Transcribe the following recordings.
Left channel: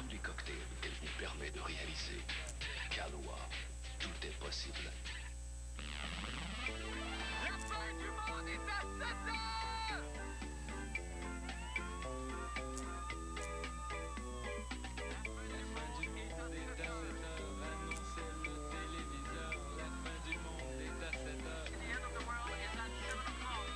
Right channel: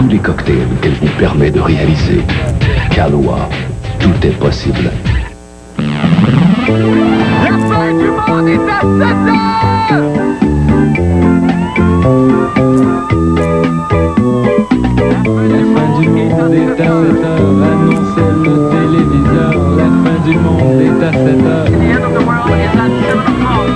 tous les cocktails qu'elle vous permet de réaliser. Kahlua, tout est possible. La fin du monde est à 7 heures! La fin du monde est à 7 heures, annonçait le téléviseur. La fin du monde est à 7 heures.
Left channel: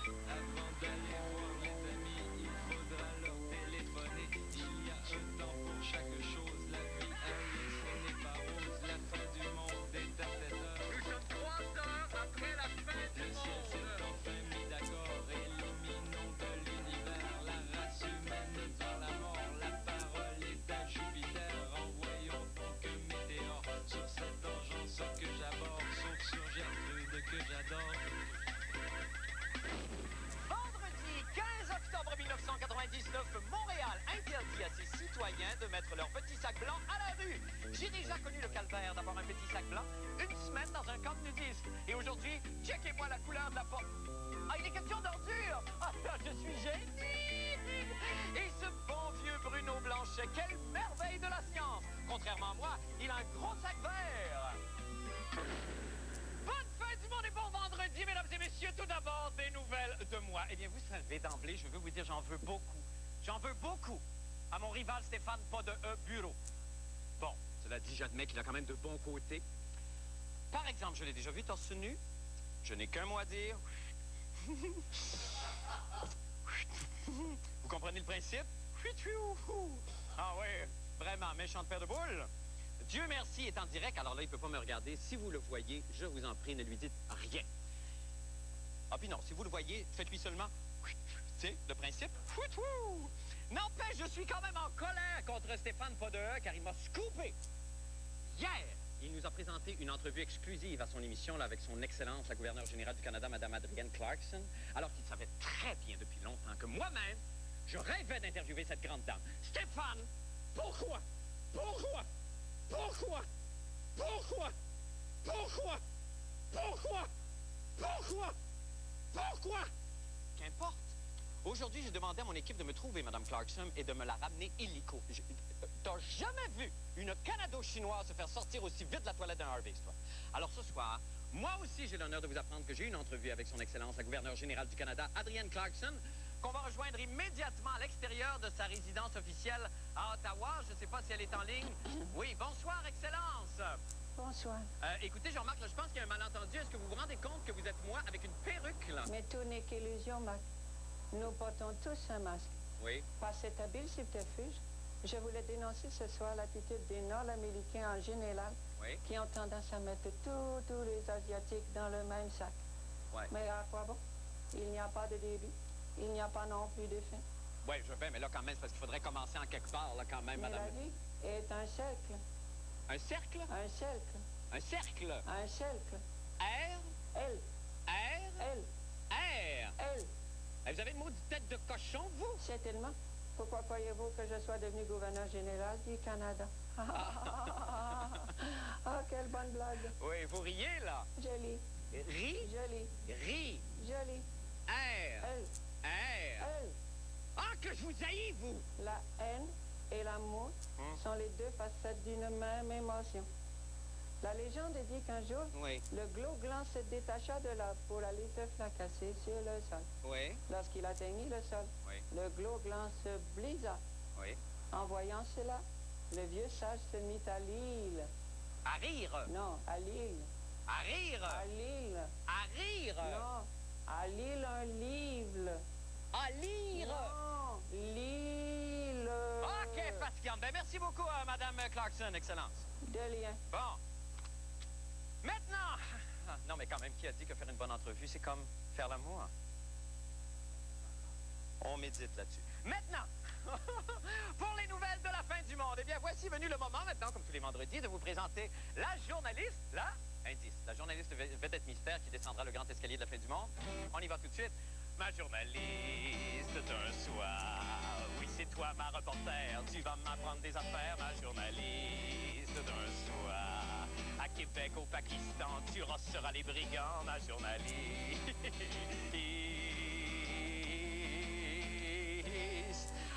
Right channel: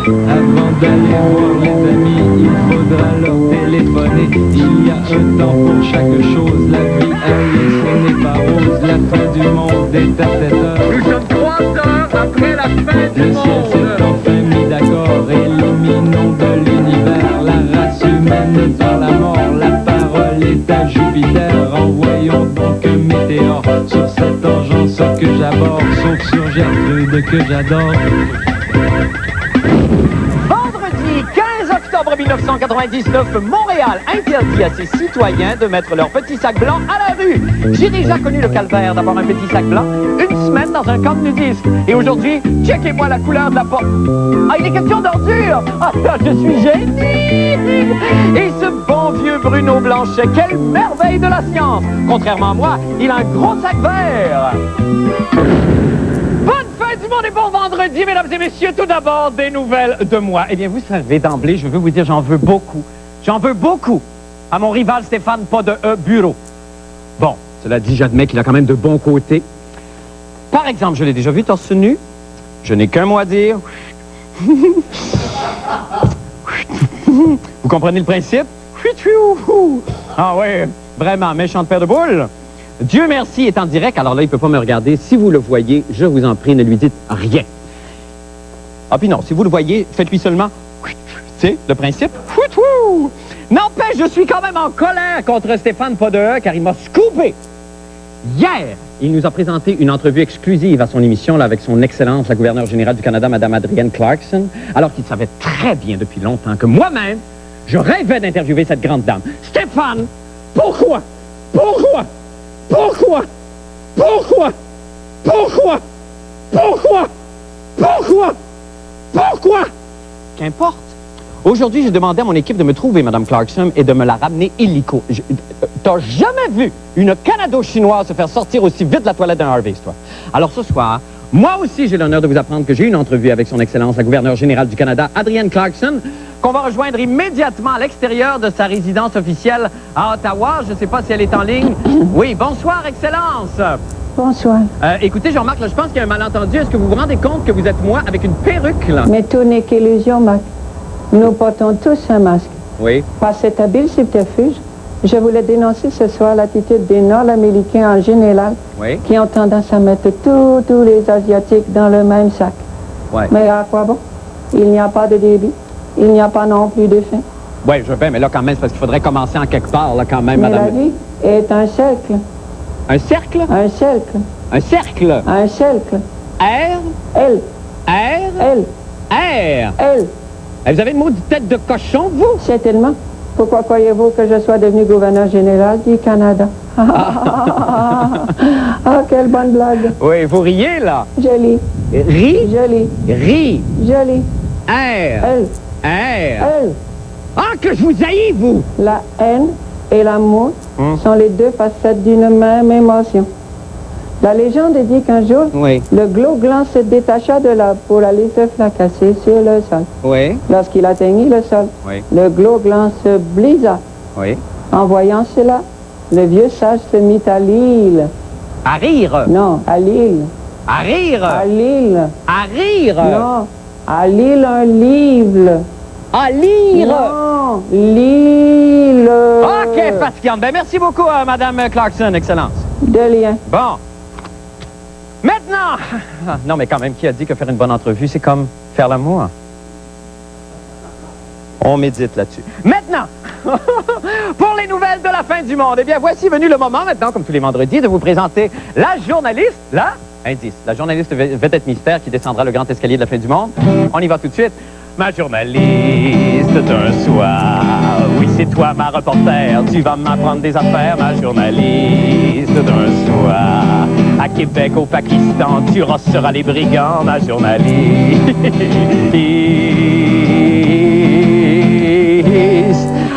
Avant d'aller voir les amis, il faudra leur téléphoner. Il y a un temps pour chaque chose, la vie elle ce n'est pas rose. La fin du monde est à 7 heures. Nous sommes 3 heures après la fin du Le ciel monde. s'est enfin mis d'accord, éliminons de l'univers la race humaine par la mort. La parole est à Jupiter, envoyons donc un météore sur cette engeance que j'aborde, sauf sur Gertrude que j'adore. Vendredi 15 octobre 1999, Montréal interdit à ses citoyens de mettre leur petit sac blanc à la rue. J'ai déjà connu le calvaire d'avoir un petit sac blanc une semaine dans un camp de nudistes. Et aujourd'hui, checkez-moi la couleur de la porte. Ah, il est question d'ordure. Ah, je suis génie. Et ce bon vieux Bruno Blanchet, quelle merveille de la science. Contrairement à moi, il a un gros sac vert. Bonne fin du monde et bon vendredi, mesdames et messieurs. Tout d'abord, des nouvelles de moi. Eh bien, vous savez, d'emblée, je veux vous dire, j'en veux beaucoup. J'en veux beaucoup à mon rival Stéphane Pas de E Bureau. Bon, cela dit, j'admets qu'il a quand même de bons côtés. Par exemple, je l'ai déjà vu torse nu. Je n'ai qu'un mot à dire. Vous comprenez le principe? Ah ouais, vraiment, méchante paire de boules. Dieu merci est en direct, alors là, il ne peut pas me regarder. Si vous le voyez, je vous en prie, ne lui dites rien. Ah puis non, si vous le voyez, faites-lui seulement... Tu sais, le principe? N'empêche, je suis quand même en colère contre Stéphane Pas de E, car il m'a scoopé. Hier, il nous a présenté une entrevue exclusive à son émission là, avec son Excellence, la gouverneure générale du Canada, Mme Adrienne Clarkson, alors qu'il savait très bien depuis longtemps que moi-même, je rêvais d'interviewer cette grande dame. Stéphane, pourquoi? Pourquoi? Pourquoi? Pourquoi? Pourquoi? Pourquoi? Pourquoi? Pourquoi? Qu'importe. Aujourd'hui, j'ai demandé à mon équipe de me trouver Mme Clarkson et de me la ramener illico. T'as jamais vu une Canado-chinoise se faire sortir aussi vite de la toilette d'un Harvey's, toi. Alors ce soir, moi aussi, j'ai l'honneur de vous apprendre que j'ai une entrevue avec son Excellence, la gouverneure générale du Canada, Adrienne Clarkson, qu'on va rejoindre immédiatement à l'extérieur de sa résidence officielle à Ottawa. Je ne sais pas si elle est en ligne. Oui, bonsoir, Excellence. Bonsoir. Écoutez, Jean-Marc, je pense qu'il y a un malentendu. Est-ce que vous vous rendez compte que vous êtes moi avec une perruque, là? Mais tout n'est qu'illusion, Mac. Nous portons tous un masque. Oui. Par cet habile subterfuge, je voulais dénoncer ce soir l'attitude des Nord-Américains en général Oui. qui ont tendance à mettre tous les Asiatiques dans le même sac. Oui. Mais à quoi bon? Il n'y a pas de débit. Il n'y a pas non plus de faim. Oui, je veux bien, mais là, quand même, c'est parce qu'il faudrait commencer en quelque part, là, quand même, Mais madame. la vie est un cercle. Un cercle? Un cercle. Un cercle? Un cercle. R? Elle. R? Elle. R? Elle. Vous avez une maudite tête de cochon, vous? Certainement. Pourquoi croyez-vous que je sois devenu gouverneur général du Canada? Ah, quelle bonne blague. Oui, vous riez, là. Jolie. Ri? Jolie. Ri. Jolie. R. Elle. R. Elle. Ah, que je vous haïs, vous! La haine et l'amour sont les deux facettes d'une même émotion. La légende dit qu'un jour, Oui. le glos-gland se détacha de l'arbre pour aller se fracasser sur le sol. Oui. Lorsqu'il atteignit le sol, Oui. le glos-gland se blisa. Oui. En voyant cela, le vieux sage se mit à l'île. À rire. Non, à l'île. À rire. À l'île. À rire. Non, à l'île un livre. À lire. Non, l'île. OK, fatigante. Ben, merci beaucoup, Madame Clarkson, Excellence. De lien. Bon. Maintenant! Non, mais quand même, qui a dit que faire une bonne entrevue, c'est comme faire l'amour? On médite là-dessus. Maintenant, pour les nouvelles de la fin du monde, eh bien, voici venu le moment maintenant, comme tous les vendredis, de vous présenter la journaliste, la journaliste vedette mystère qui descendra le grand escalier de la fin du monde. On y va tout de suite. Ma journaliste d'un soir, oui, c'est toi ma reporter, tu vas m'apprendre des affaires, ma journaliste d'un soir. À Québec, au Pakistan, tu rosseras les brigands, ma journaliste.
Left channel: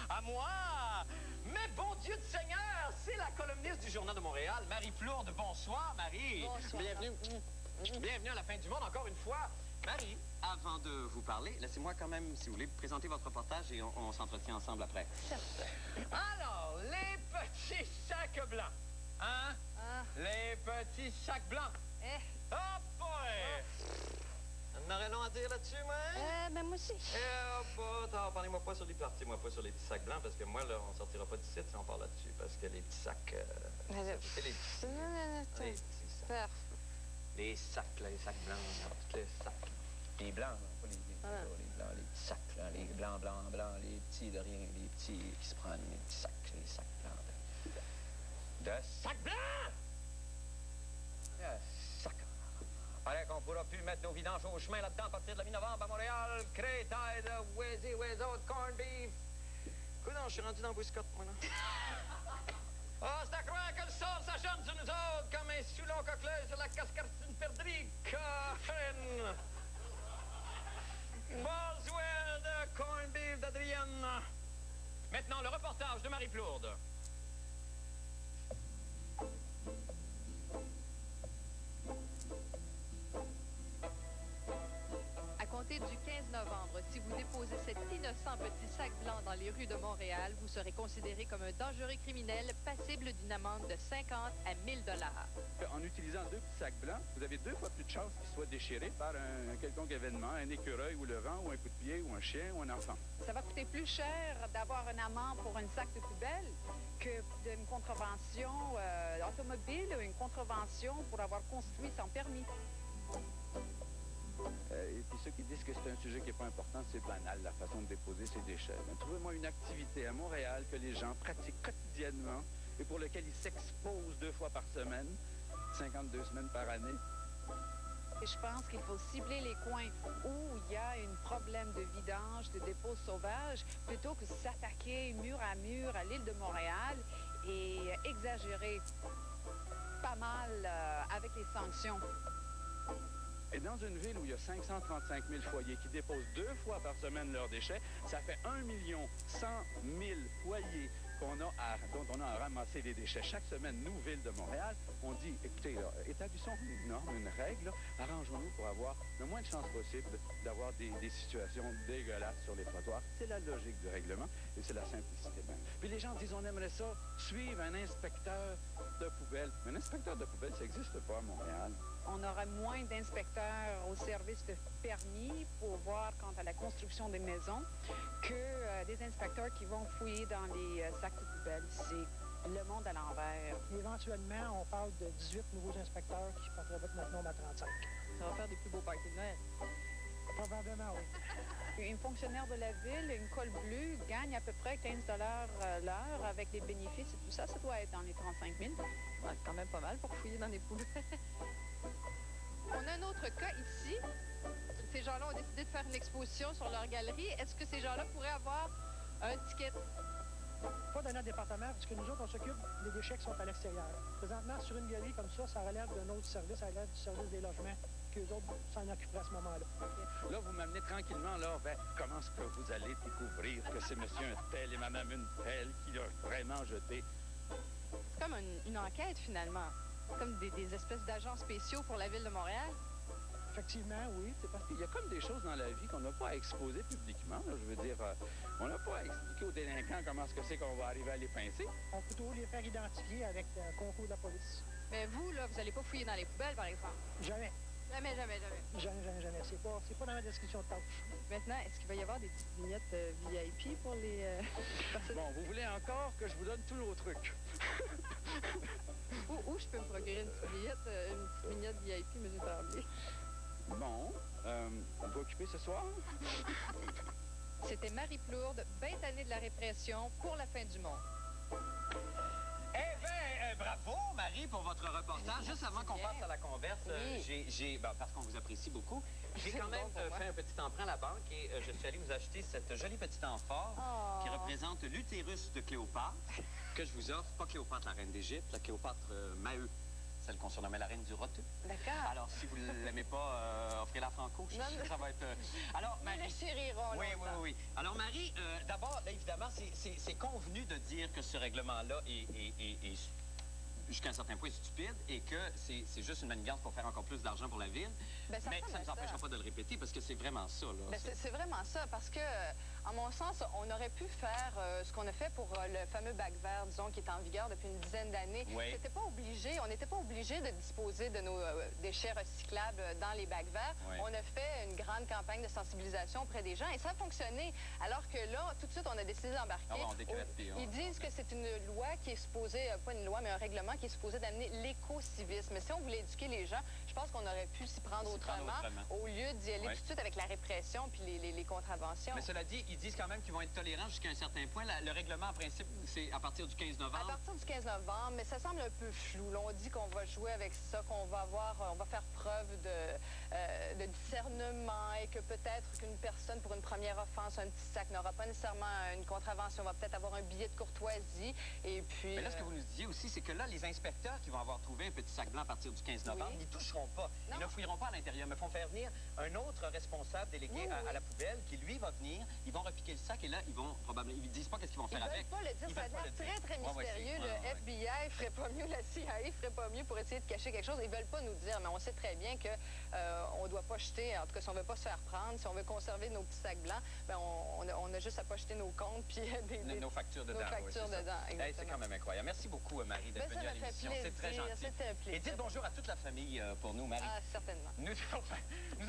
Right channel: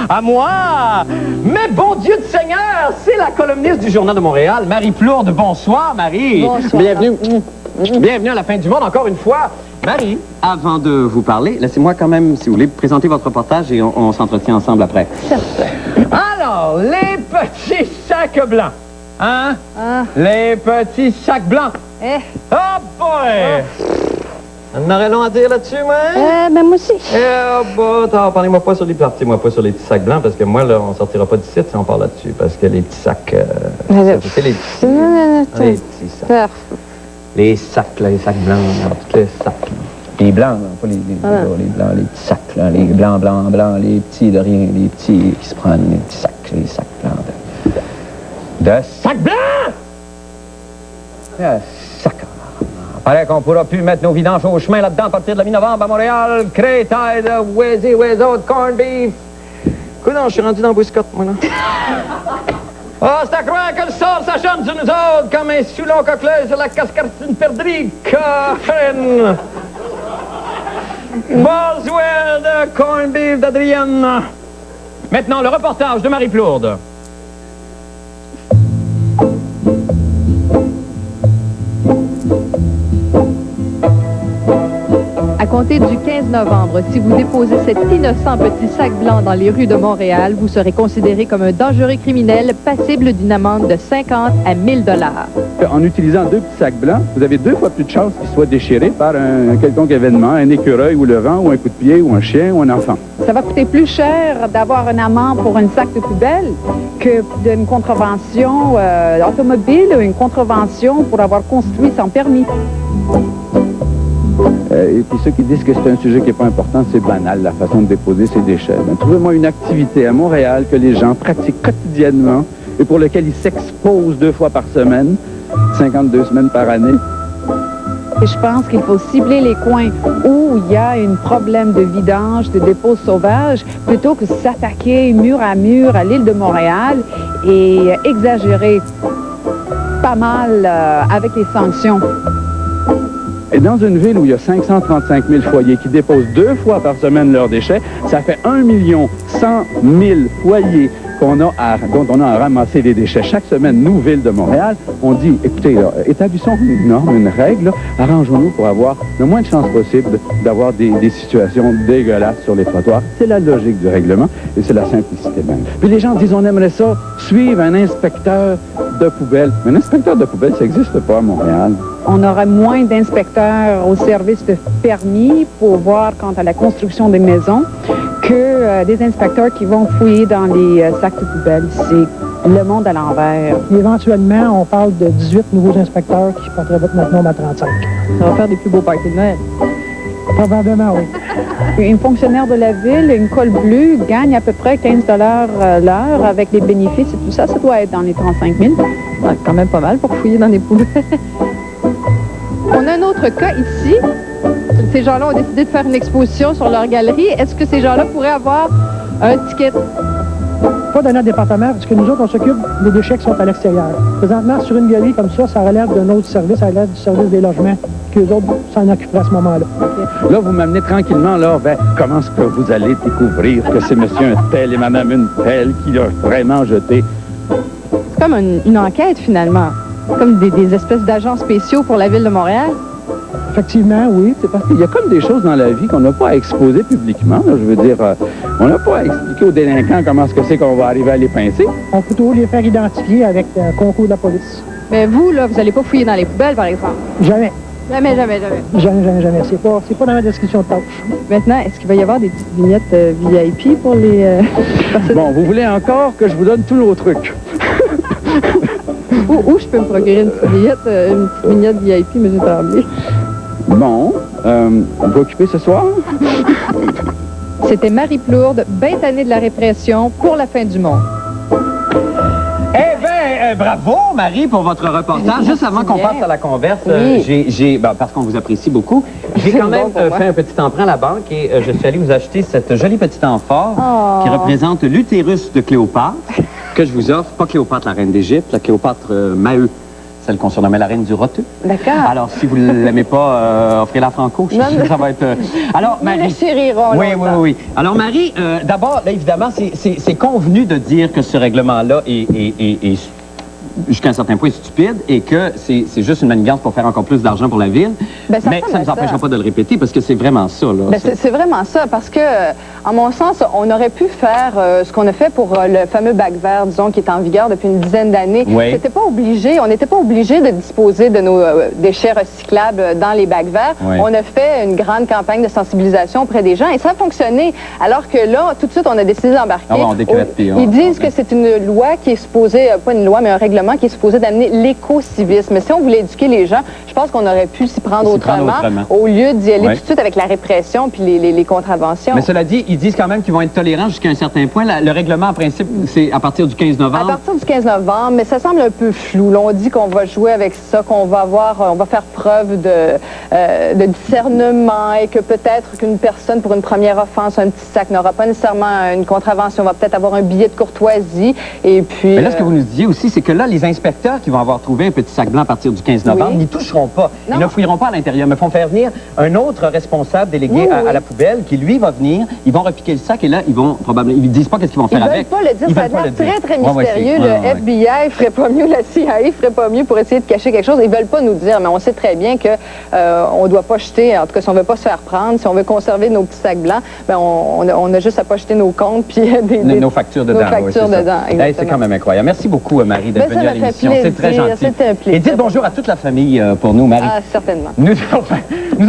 À moi! Mais bon Dieu de Seigneur, c'est la columniste du Journal de Montréal, Marie Plourde. Bonsoir, Marie. Bonsoir. Bienvenue. Bienvenue à la fin du monde, encore une fois. Marie, avant de vous parler, laissez-moi quand même, si vous voulez, présenter votre reportage et on s'entretient ensemble après. Certain. Alors, les petits sacs blancs. Hein? Ah. Les petits sacs blancs. Eh. Oh boy! On aurait long à dire là-dessus, moi? Ben moi aussi. Oh boy, parlez-moi pas sur les parties-moi pas sur les petits sacs blancs, parce que moi, là, on sortira pas d'ici si on parle là-dessus, parce que les petits sacs... c'est les petits sacs. Les sacs, là, les sacs blancs, là, tous les sacs. Les blancs, là, pas les blancs, les petits sacs, là, les blancs, les petits de rien, les petits qui se prennent, les petits sacs blancs. De sacs blancs! Sac. Paraît qu'on pourra plus mettre nos vidanges au chemin là-dedans à partir de la mi-novembre à Montréal. Crétail de Wheezy, Wheezo, de corned beef. Coudonc, je suis rendu dans Bouscotte, moi, là. Oh, c'est à croire que le sort s'acharne sur nous autres comme un soulon coqueleux sur la cascade d'une perdrix. Corinne! Boswell de corned beef d'Adrienne. Maintenant, le reportage de Marie Plourde. À compter du 15 novembre, si vous déposez cet innocent petit sac blanc dans les rues de Montréal, vous serez considéré comme un dangereux criminel passible d'une amende de 50 à 1000 $. En utilisant deux petits sacs blancs, vous avez 2 fois plus de chances qu'ils soient déchirés par un quelconque événement, un écureuil ou le vent, ou un coup de pied, ou un chien, ou un enfant. Ça va coûter plus cher d'avoir un amende pour un sac de poubelle que d'une contravention automobile ou une contravention pour avoir construit sans permis. Et puis ceux qui disent que c'est un sujet qui n'est pas important, c'est banal, la façon de déposer ses déchets. Ben, trouvez-moi une activité à Montréal que les gens pratiquent quotidiennement et pour lequel ils s'exposent 2 fois par semaine, 52 semaines par année. Et je pense qu'il faut cibler les coins où il y a un problème de vidange, de dépôt sauvage, plutôt que s'attaquer mur à l'île de Montréal et exagérer pas mal avec les sanctions. Et dans une ville où il y a 535 000 foyers qui déposent 2 fois par semaine leurs déchets, ça fait 1 100 000 foyers dont on a à ramasser les déchets chaque semaine. Nous, Ville de Montréal, on dit, écoutez, là, établissons une norme, une règle, arrangeons-nous pour avoir le moins de chances possible d'avoir des situations dégueulasses sur les trottoirs. C'est la logique du règlement et c'est la simplicité même. Puis les gens disent, on aimerait ça, suivre un inspecteur de poubelle. Mais un inspecteur de poubelle, ça n'existe pas à Montréal. On aura moins d'inspecteurs au service de permis pour voir quant à la construction des maisons que des inspecteurs qui vont fouiller dans les sacs de poubelle. C'est le monde à l'envers. Éventuellement, on parle de 18 nouveaux inspecteurs qui porteraient notre nombre à 35. Ça va faire des plus beaux parties de Noël. Probablement, oui. Une fonctionnaire de la ville, une colle bleue, gagne à peu près 15 $ l'heure avec les bénéfices et tout ça. Ça doit être dans les 35 000. Ouais, quand même pas mal pour fouiller dans les poubelles. On a un autre cas ici. Ces gens-là ont décidé de faire une exposition sur leur galerie. Est-ce que ces gens-là pourraient avoir un ticket? Pas dans notre département, parce que nous autres, on s'occupe des déchets qui sont à l'extérieur. Présentement, sur une galerie comme ça relève d'un autre service, ça relève du service des logements, qu'eux autres s'en occuperaient à ce moment-là. Okay. Là, vous m'amenez tranquillement, là, vers comment est-ce que vous allez découvrir que c'est monsieur un tel et madame une telle qui l'a vraiment jeté. C'est comme une enquête, finalement. Comme des espèces d'agents spéciaux pour la Ville de Montréal. Effectivement, oui. C'est parce qu'il y a comme des choses dans la vie qu'on n'a pas à exposer publiquement. Là, je veux dire, on n'a pas à expliquer aux délinquants comment est-ce que c'est qu'on va arriver à les pincer. On peut toujours les faire identifier avec le concours de la police. Mais vous, là, vous n'allez pas fouiller dans les poubelles, par exemple? Jamais. Jamais. Jamais. C'est pas dans ma description de tâche. Maintenant, est-ce qu'il va y avoir des petites vignettes VIP pour les personnes? Bon, vous voulez encore que je vous donne tous nos trucs? Où je peux me procurer une petite vignette VIP, M. Tremblay? Bon, on va occuper ce soir? C'était Marie Plourde, bien tannée de la répression pour la fin du monde. Eh bien, bravo, Marie, pour votre reportage. Juste avant qu'on passe à la converse, Oui. parce qu'on vous apprécie beaucoup, j'ai quand même fait un petit emprunt à la banque et je suis allé vous acheter cette jolie petite amphore qui représente l'utérus de Cléopâtre, que je vous offre. Pas Cléopâtre, la reine d'Égypte, la Cléopâtre Maheu. celle qu'on surnommait la reine du roteux. D'accord. Alors, si vous ne l'aimez pas, offrez-la Franco. Je Non, suis sûr que mais- ça va être... Alors, Nous Marie... les chérirons Oui, oui, longtemps. oui, oui. Alors, Marie, d'abord, là, évidemment, c'est convenu de dire que ce règlement-là est jusqu'à un certain point stupide et que c'est juste une manigance pour faire encore plus d'argent pour la ville. Ben, ça mais ressemble ça à ne nous empêchera ça. pas de le répéter parce que c'est vraiment ça, là. Ben, c'est vraiment ça, parce que, à mon sens, on aurait pu faire ce qu'on a fait pour le fameux bac vert, disons, qui est en vigueur depuis une dizaine d'années. Oui. On n'était pas obligé de disposer de nos déchets recyclables dans les bacs verts. Oui. On a fait une grande campagne de sensibilisation auprès des gens et ça a fonctionné. Alors que là, tout de suite, on a décidé d'embarquer. Ah ouais, on décrète, puis on- Ils disent que c'est une loi qui est supposée, pas une loi, mais un règlement qui est supposé d'amener l'éco-civisme. Mais si on voulait éduquer les gens, je pense qu'on aurait pu s'y prendre S'y prendre autrement, autrement. au lieu d'y aller Oui. tout de suite avec la répression puis les contraventions. Mais cela dit, ils disent quand même qu'ils vont être tolérants jusqu'à un certain point. Le règlement, en principe, c'est à partir du 15 À novembre. partir du 15 novembre, mais ça semble un peu flou. Là, on dit qu'on va jouer avec ça, qu'on va on va faire preuve de discernement et que peut-être qu'une personne, pour une première offense, un petit sac, n'aura pas nécessairement une contravention, va peut-être avoir un billet de courtoisie. Et puis. Mais là, ce que vous nous disiez aussi, c'est que là, les inspecteurs qui vont avoir trouvé un petit sac blanc à partir du 15 novembre Oui. n'y toucheront pas. Non. Ils ne fouilleront pas à l'intérieur, mais font faire venir un autre responsable délégué Oui, à oui. la poubelle qui, lui, va venir. Ils vont repiquer le sac et là, ils vont probablement... Ils ne disent pas qu'est-ce qu'ils vont Ils faire veulent avec. pas le dire, Ils ça a veulent pas l'air le dire. très, très Ouais, ouais, mystérieux. c'est- ouais, Le ouais. FBI ferait pas mieux, la CIA ferait pas mieux pour essayer de cacher quelque chose. Ils veulent pas nous dire, mais on sait très bien que on doit pas jeter, en tout cas, si on veut pas se faire prendre, si on veut conserver nos petits sacs blancs, ben on a juste à pas jeter nos comptes puis Nos factures dedans. Nos oui, factures c'est ça. dedans, Hey, exactement. c'est quand même incroyable. Merci beaucoup, Marie, d'être Ben, ça venue à m'a fait l'émission. C'est très plaisir. gentil. C'était un plaisir. Et dites bonjour à toute la famille pour nous, Marie. Ah, certainement. Nous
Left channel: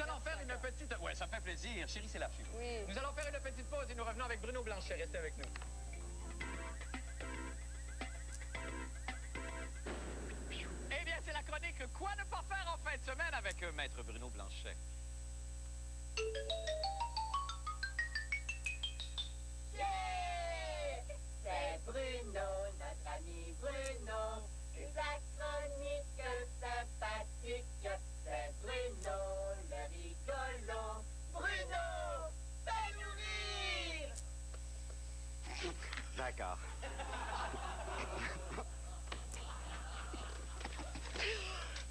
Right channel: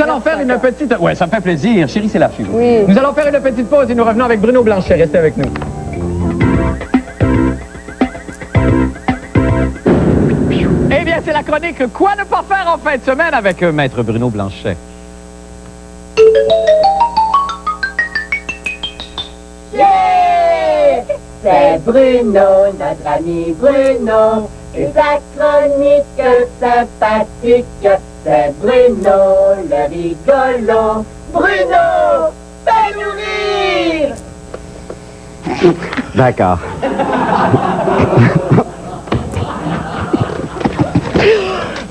allons faire une petite... Oui, ça me fait plaisir. Chérie, c'est la fille. Oui. Nous allons faire une petite pause et nous revenons avec Bruno Blanchet. Restez avec nous. Eh bien, c'est la chronique « Quoi ne pas faire en fin de semaine » avec Maître Bruno Blanchet. C'est Bruno, notre ami Bruno, et sa chronique sympathique. C'est Bruno, le rigolo. Bruno, fais-nous rire! D'accord.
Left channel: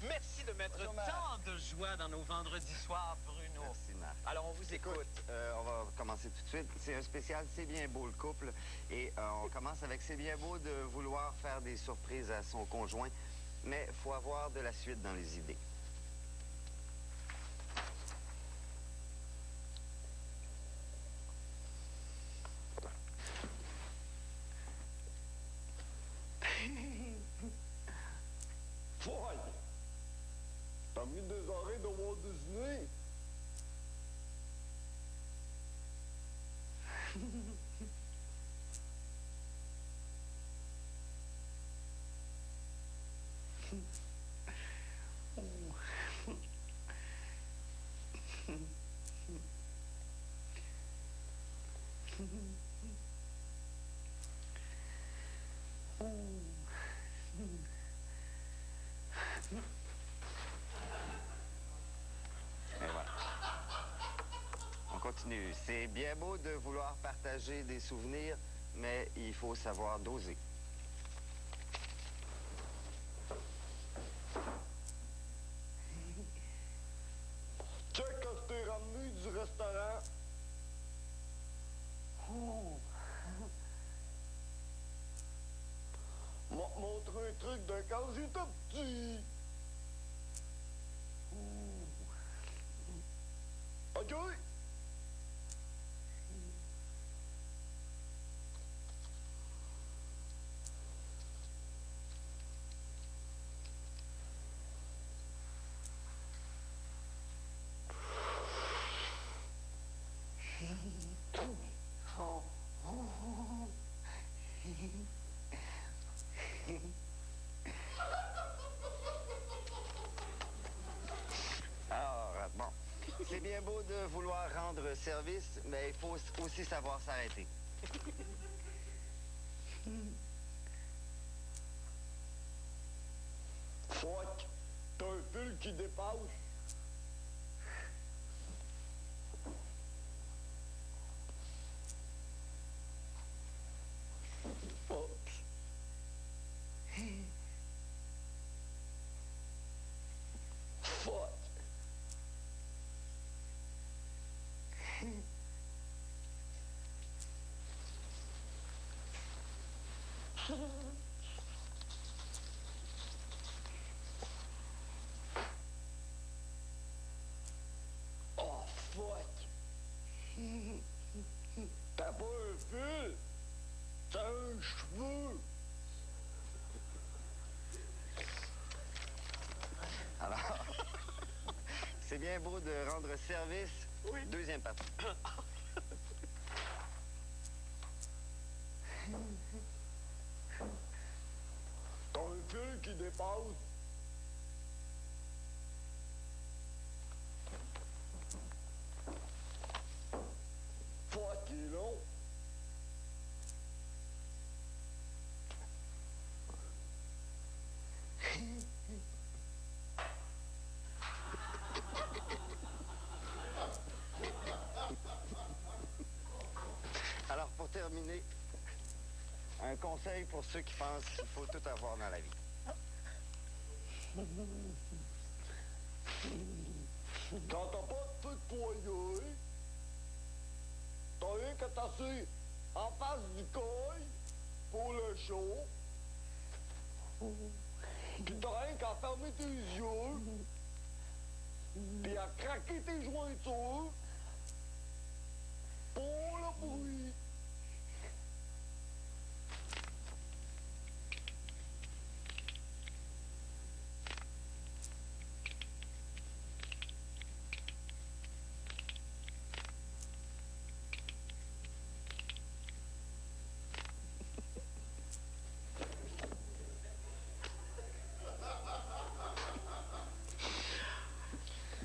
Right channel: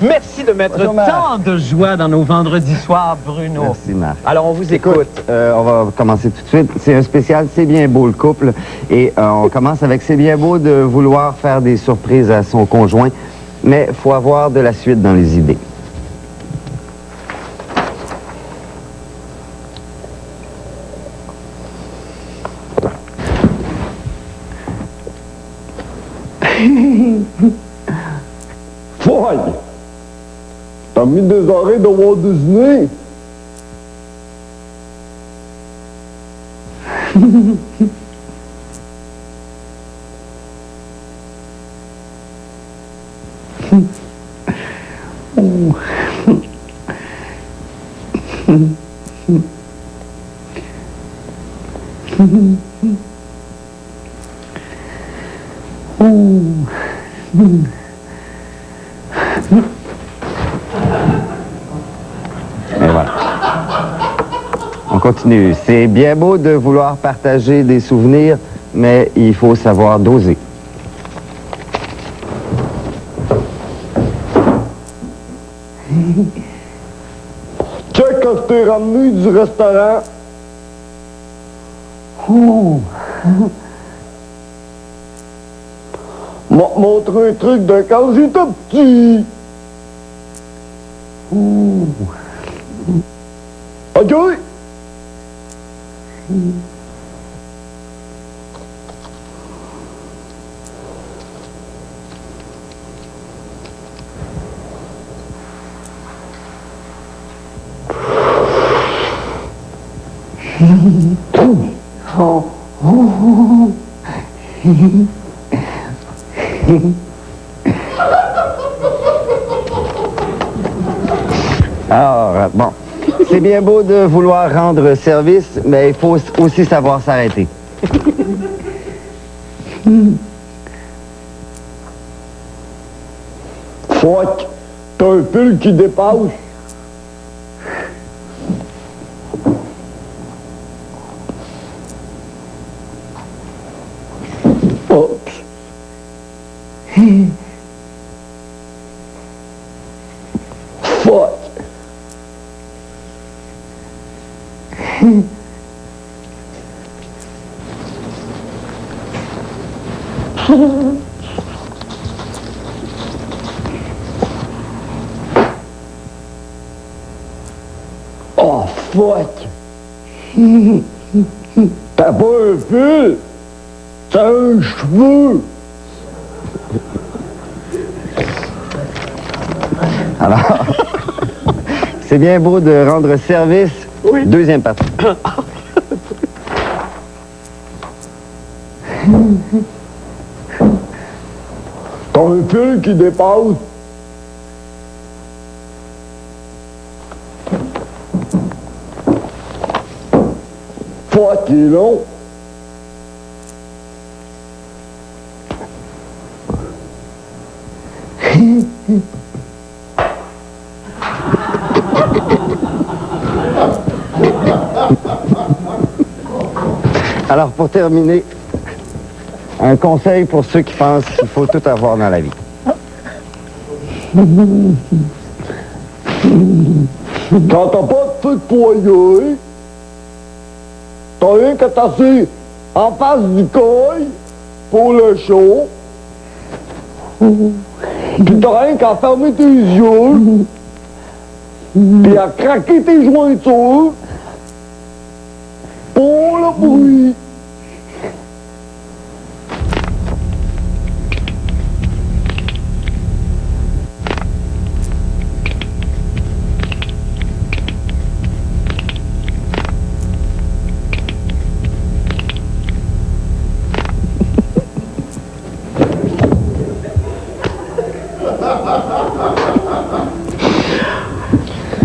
Merci de mettre Bonjour, Marc. tant de joie dans nos vendredis soirs, Bruno. Merci, Marc. Alors, on vous écoute. On va commencer tout de suite. C'est un spécial C'est bien beau le couple. Et on commence avec C'est bien beau de vouloir faire des surprises à son conjoint, mais il faut avoir de la suite dans les idées. Foy! T'as mis des oreilles de Walt Disney? Et voilà. On continue. C'est bien beau de vouloir partager des souvenirs, mais il faut savoir doser. Check quand je t'ai ramené du restaurant. M'a montré un truc de quand j'étais petit. OK? Alors, bon, c'est bien beau de vouloir rendre service, mais il faut aussi savoir s'arrêter. Fuck! T'as un fil qui dépasse. Oups. Oh, fuck! T'as pas un fil? T'as un cheveu! Alors, c'est bien beau de rendre service. Oui. Deuxième partie. T'as un fil qui dépasse. Fuck, il est long. Alors, pour terminer, un conseil pour ceux qui pensent qu'il faut tout avoir dans la vie. Quand t'as pas de feu de poignet, t'as rien qu'à t'asseoir en face du coil pour le show. Puis t'as rien qu'à fermer tes yeux, puis à craquer tes jointures pour le bruit.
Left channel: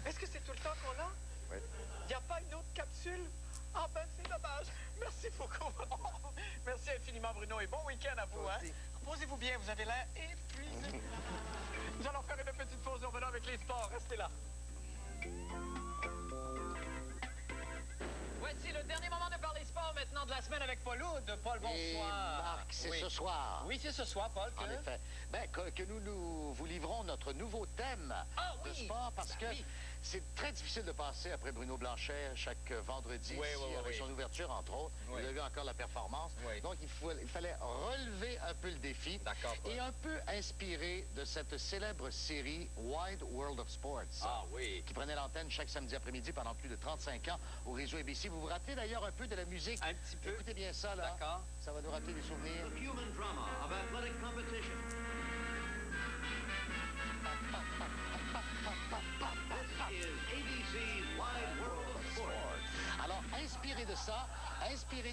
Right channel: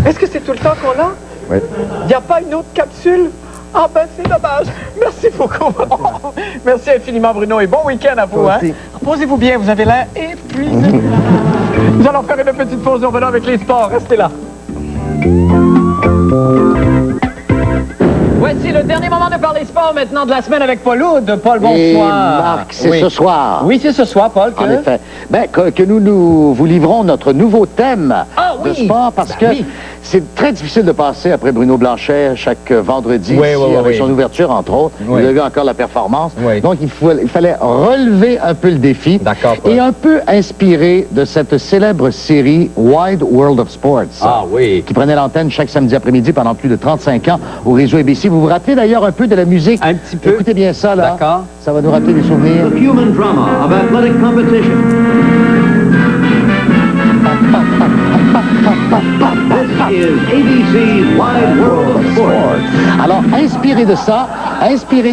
Est-ce que c'est tout le temps qu'on a? Oui. Il n'y a pas une autre capsule? Ah ben c'est dommage. Merci beaucoup. Merci infiniment Bruno et bon week-end à vous. Toi Hein? aussi. Reposez-vous bien, vous avez l'air épuisé. Nous allons faire une petite pause, nous revenons avec les sports. Restez là. Voici le dernier moment de parler sport maintenant de la semaine avec Paul Oud. Paul, bonsoir. Et Marc, c'est Oui. ce soir. Oui, c'est ce soir, Paul. En effet. Ben, que nous vous livrons notre nouveau thème de oui. sport parce que oui. c'est très difficile de passer après Bruno Blanchet chaque vendredi Oui, ici, oui, oui, avec oui. son ouverture, entre autres. Oui. Il a eu encore la performance. Oui. Donc, il fallait relever un peu le défi. D'accord, Paul. Et un peu inspiré de cette célèbre série Wide World of Sports. Ah oui. Qui prenait l'antenne chaque samedi après-midi pendant plus de 35 ans au réseau ABC. Vous vous rappelez d'ailleurs un peu de la musique? Un petit peu. Écoutez bien ça, là. D'accord. Ça va nous rappeler des souvenirs. Human drama of athletic competition. This is ABC's Wide World of Sports. Alors, inspiré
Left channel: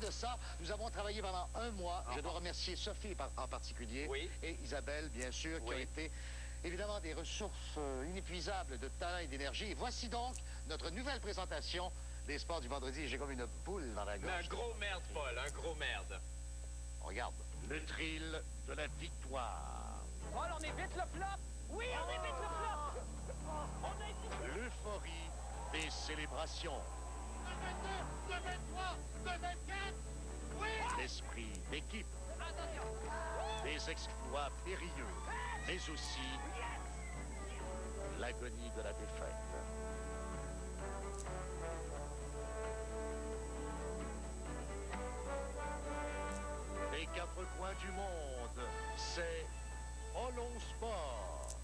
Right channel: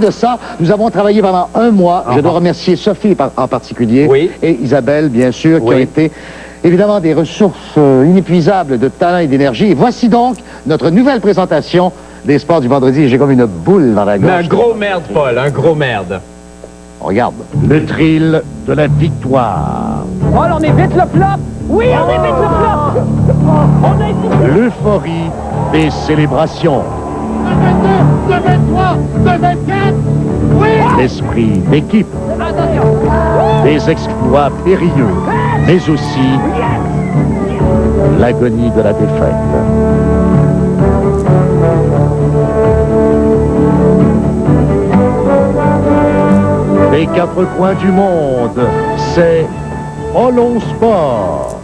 de ça, nous avons travaillé pendant un mois. Je dois remercier Sophie en particulier Oui. et Isabelle, bien sûr, qui Oui. ont été évidemment des ressources inépuisables de talent et d'énergie. Et voici donc notre nouvelle présentation des sports du vendredi. J'ai comme une boule dans la gorge. Mais un gros merde, Paul, un gros merde. On regarde. Le thrill de la victoire. Paul, on évite le flop. Oui, on évite le flop. On a évité. L'euphorie des célébrations. 2 23, 2 24, oui! L'esprit d'équipe. Attention. Des exploits périlleux, mais aussi l'agonie de la défaite. Des quatre coins du monde, c'est Polo Sport.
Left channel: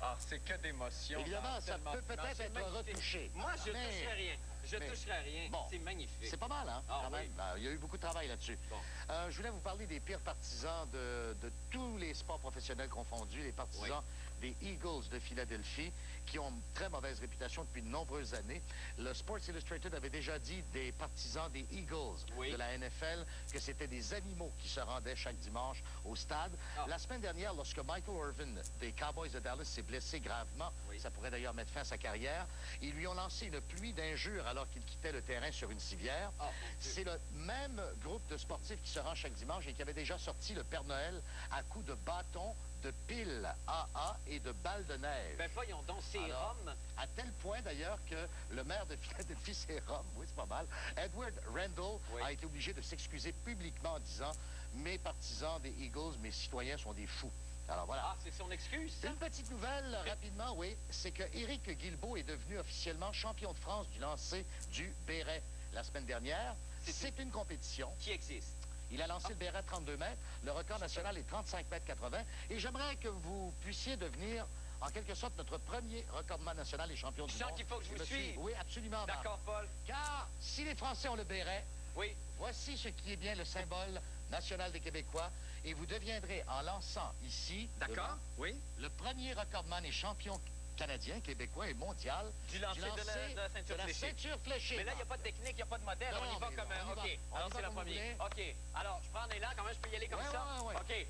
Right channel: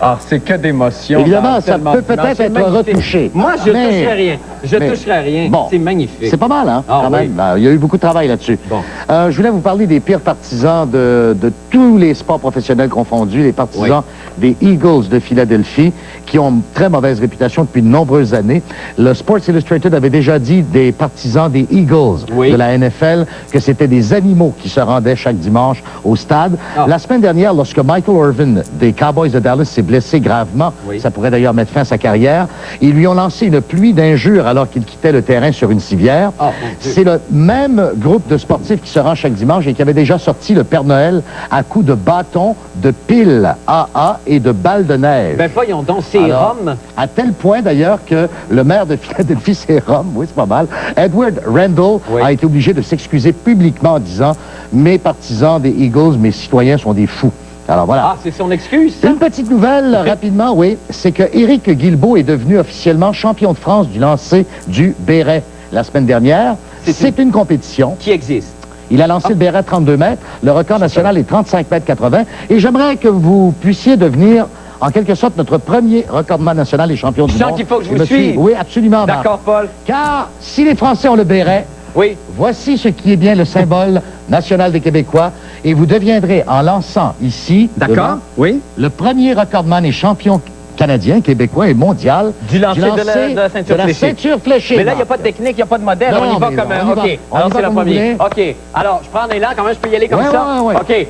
Ah, c'est que d'émotion. Évidemment, ça peut peut-être être retouché. Moi, je Mais- toucherai rien. Je mais- toucherai rien. Bon. C'est magnifique. C'est pas mal, hein, Ah, quand oui. même. Il y a eu beaucoup de travail là-dessus. Bon. Je voulais vous parler des pires partisans de tous les sports professionnels confondus, les partisans des Eagles de Philadelphie, qui ont une très mauvaise réputation depuis de nombreuses années. Le Sports Illustrated avait déjà dit des partisans des Eagles Oui. de la NFL que c'était des animaux qui se rendaient chaque dimanche au stade. Ah. La semaine dernière, lorsque Michael Irvin des Cowboys de Dallas s'est blessé gravement, Oui. ça pourrait d'ailleurs mettre fin à sa carrière, ils lui ont lancé une pluie d'injures alors qu'il quittait le terrain sur une civière. Ah, mon Dieu. C'est le même groupe de sportifs qui se rend chaque dimanche et qui avait déjà sorti le Père Noël à coups de bâtons, de piles AA et de balles de neige. Ben voyons donc, c'est Alors, Rome. À tel point d'ailleurs que le maire de Philadelphie, c'est Rome, oui, c'est pas mal, Edward Randall Oui. a été obligé de s'excuser publiquement en disant « Mes partisans des Eagles, mes citoyens sont des fous ». Alors voilà. Ah, c'est son excuse, ça? Une petite nouvelle, rapidement, oui, c'est que Éric Guilbeault est devenu officiellement champion de France du lancer du béret la semaine dernière. C'est C'est une compétition Qui existe? Il a lancé le béret à 32 mètres. Le record national est 35 mètres 80. Et j'aimerais que vous puissiez devenir, en quelque sorte, notre premier recordman national et champion du monde. Je sens qu'il faut que je vous me suis- suive. Oui, absolument, Marc. D'accord, Paul. Car si les Français ont le béret, Oui. voici ce qui est bien le symbole national des Québécois. Et vous deviendrez, en lançant ici, D'accord. devant, Oui. le premier recordman et champion canadien, québécois et mondial Du lancer de la ceinture fléchée. ceinture fléchée. Mais là, il n'y a Marc. pas de technique, il n'y a pas de modèle. Non, on y va mais comme on y un. va. OK. On y Alors, va c'est la comme vous première. voulez. OK. Alors, je prends un élan. Comment je peux y aller comme Ouais, ça? ouais, ouais. OK.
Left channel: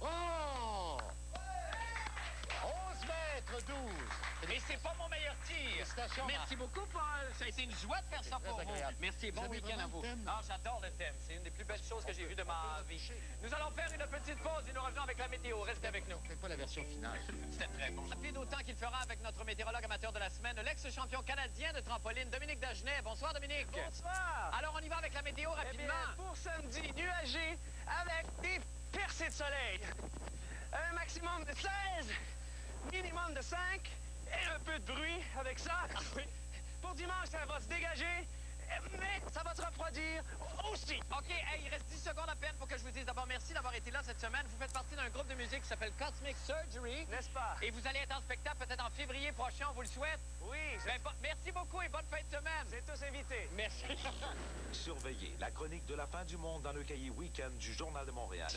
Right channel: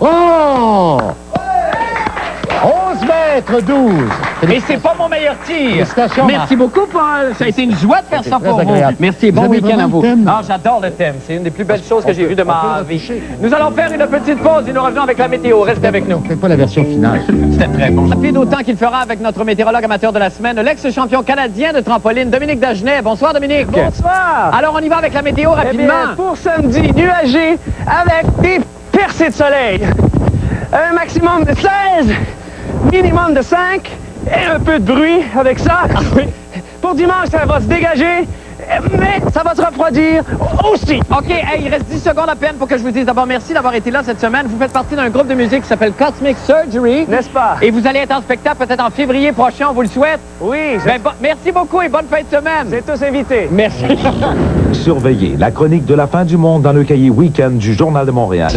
Oh! 11 mètres 12. Et c'est pas mon meilleur tir. Félicitations, Merci beaucoup, Paul. Ça a été une joie de faire ça très pour vous. agréable. Merci. Bon Vous aimez week-end à vraiment vous. le thème? Ah, j'adore le thème. C'est une des plus belles choses que j'ai vues de ma vie. Nous allons faire une petite pause et nous revenons avec la météo. Restez avec nous. C'est pas la version finale. C'était très bon. Rapide autant qu'il fera avec notre météorologue amateur de la semaine, l'ex-champion canadien de trampoline, Dominique Dagenet. Bonsoir, Dominique. Bonsoir. Alors, on y va avec la météo Eh rapidement. bien, pour samedi, nuagé avec des percées de soleil. Un maximum de 16, minimum de 5 et un peu de bruit avec ça. Pour dimanche, ça va se dégager, mais ça va se refroidir aussi. OK, hey, il reste 10 secondes à peine pour que je vous dise d'abord merci d'avoir été là cette semaine. Vous faites partie d'un groupe de musique qui s'appelle Cosmic Surgery. N'est-ce pas? Et vous allez être en spectacle peut-être en février prochain, on vous le souhaite. Oui, Merci beaucoup et bonne fin de semaine. c'est tous invités. Merci. Surveillez la chronique de la fin du monde dans le cahier Week-end du Journal de Montréal.